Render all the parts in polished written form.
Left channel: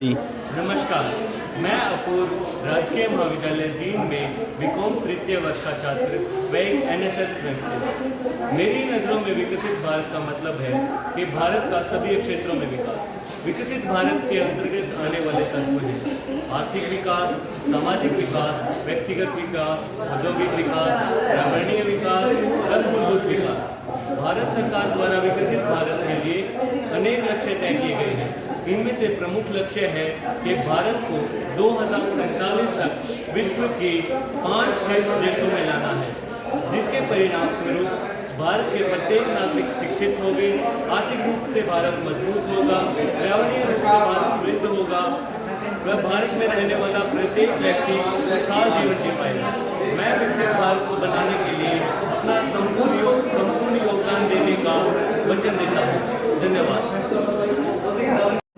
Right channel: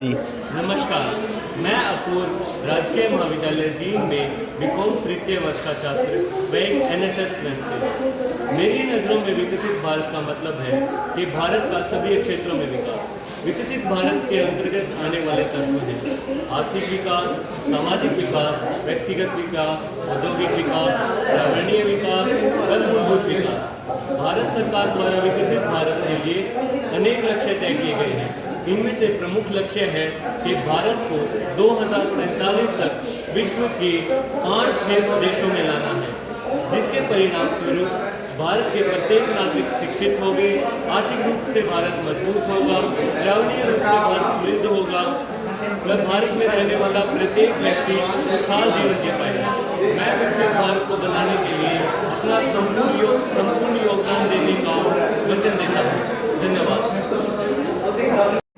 जी। नमस्कार। मैं अपूर्व राजकीय महाविद्यालय जींद में बीकॉम तृतीय वर्ष का छात्र व एक एनएसएस स्वयंसेवक। मेरी नज़रों में विकसित भारत का मतलब है कि भारत का सभी क्षेत्रों में विकास। विकसित भारत के अंतर्गत आने वाले तत्व हैं आर्थिक विकास, सामाजिक विकास, व्यक्तिगत विकास, औद्योगिक विकास, पर्यावरणीय विकास और मूलभूत विकास। भारत सरकार द्वारा विकसित भारत के लिए अनेक लक्ष्य तय किए गए हैं। इनमें से प्रमुख लक्ष्य है कि भारत को 2047 तक विश्व के 5 शीर्ष देशों में लाना है, जिसके परिणाम स्वरूप भारत के प्रत्येक नागरिक शिक्षित होंगे, आर्थिक रूप से भारत मजबूत होगा, पर्यावरणीय रूप से भारत समृद्ध होगा व भारत में रहने वाला प्रत्येक व्यक्ति खुशहाल जीवन जी पाएगा। मैं विकसित भारत को बनाने के लिए अपना संपूर्ण योगदान देने का वचन देता हूँ। धन्यवाद।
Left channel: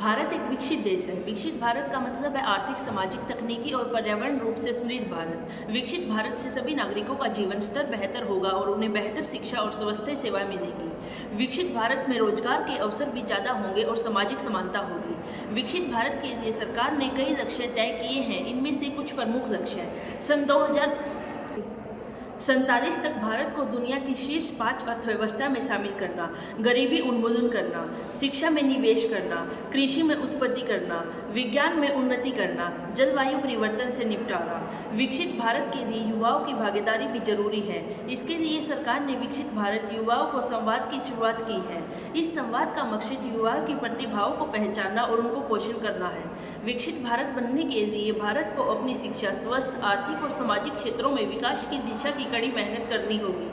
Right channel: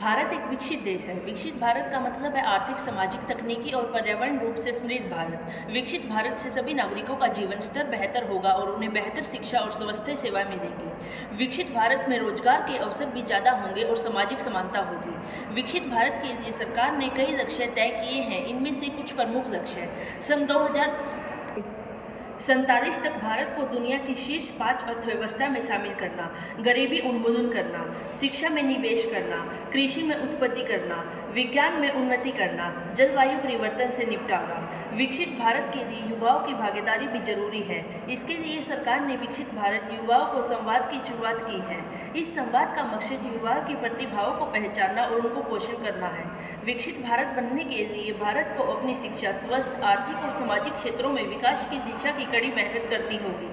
भारत एक विकसित देश है। विकसित भारत का मतलब है आर्थिक, सामाजिक, तकनीकी और पर्यावरण रूप से समृद्ध भारत। विकसित भारत से सभी नागरिकों का जीवन स्तर बेहतर होगा और उन्हें बेहतर शिक्षा और स्वास्थ्य सेवाएं मिलेंगी। विकसित भारत में रोजगार के अवसर भी ज़्यादा होंगे और सामाजिक समानता होगी। विकसित भारत के लिए सरकार ने कई लक्ष्य तय किए हैं। इनमें से कुछ प्रमुख लक्ष्य हैं। सन 2047 तक भारत को दुनिया की शीर्ष 5 अर्थव्यवस्था में शामिल करना, गरीबी उन्मूलन करना, शिक्षा में निवेश करना, कृषि में उत्पत्ति करना, विज्ञान में उन्नति करना, जलवायु परिवर्तन से निपटारा। विकसित भारत के लिए युवाओं की भागीदारी भी जरूरी है। इसके लिए सरकार ने विकसित भारत युवाओं को संवाद की शुरुआत की है। इस संवाद का मकसद युवाओं की प्रतिभाओं को पहचानना और उनको पोषण करना है। विकसित भारत बनने के लिए भारत को अपनी शिक्षा, स्वास्थ्य, आर्थिक और सामाजिक क्षेत्रों में विकास की दिशा की कड़ी मेहनत करनी होगी।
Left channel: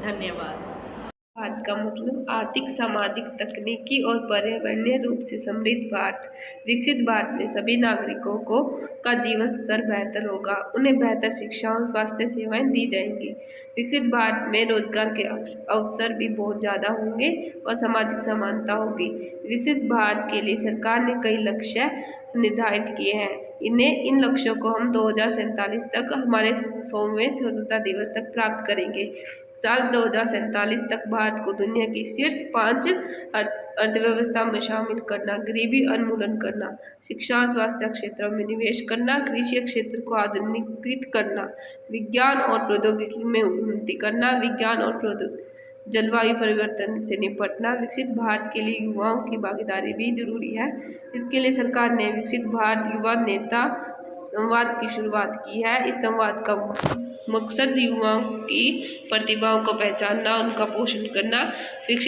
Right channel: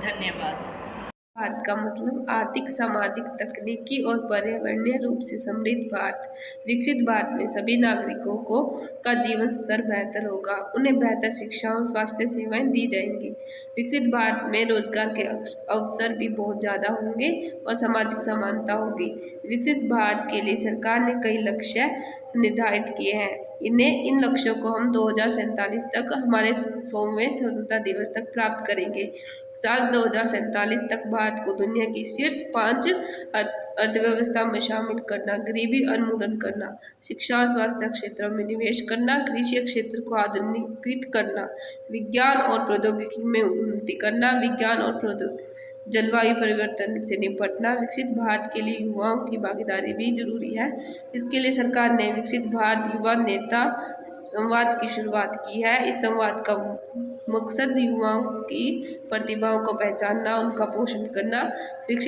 धन्यवाद। भारत का मतलब आर्थिक, सामाजिक, तकनीकी और पर्यावरणीय रूप से समृद्ध भारत। विकसित भारत में सभी नागरिकों को का जीवन स्तर बेहतर होगा, उन्हें बेहतर शिक्षा और स्वास्थ्य सेवाएं दी जाएंगी। विकसित भारत में रोजगार के अवसर भी बहुत ज़्यादा होंगे और सामाजिक समानता होगी। विकसित भारत के लिए सरकार ने कई लक्ष्य निर्धारित किए हैं। इन लक्ष्यों को हम 2047 तक हमारे 100वें स्वतंत्रता दिवस तक प्राप्त करेंगे। साल 2047 तक भारत को दुनिया की शीर्ष 5 अर्थव्यवस्था में शामिल करना, गरीबी उन्मूलन करना, शिक्षा और स्वास्थ्य क्षेत्रों में निवेश करना, कृषि क्षेत्र को आधुनिकीकृत करना, विज्ञान और प्रौद्योगिकी में उन्नति करना, जलवायु परिवर्तन से निपटना। विकसित भारत के लिए युवाओं की भागीदारी भी जरूरी है। इसके लिए सरकार ने विकसित भारत युवा नेता संवाद की शुरुआत की है। इस संवाद का मकसद युवाओं की प्रतिभाओं को पहचानना, उनका पोषण करना। विकसित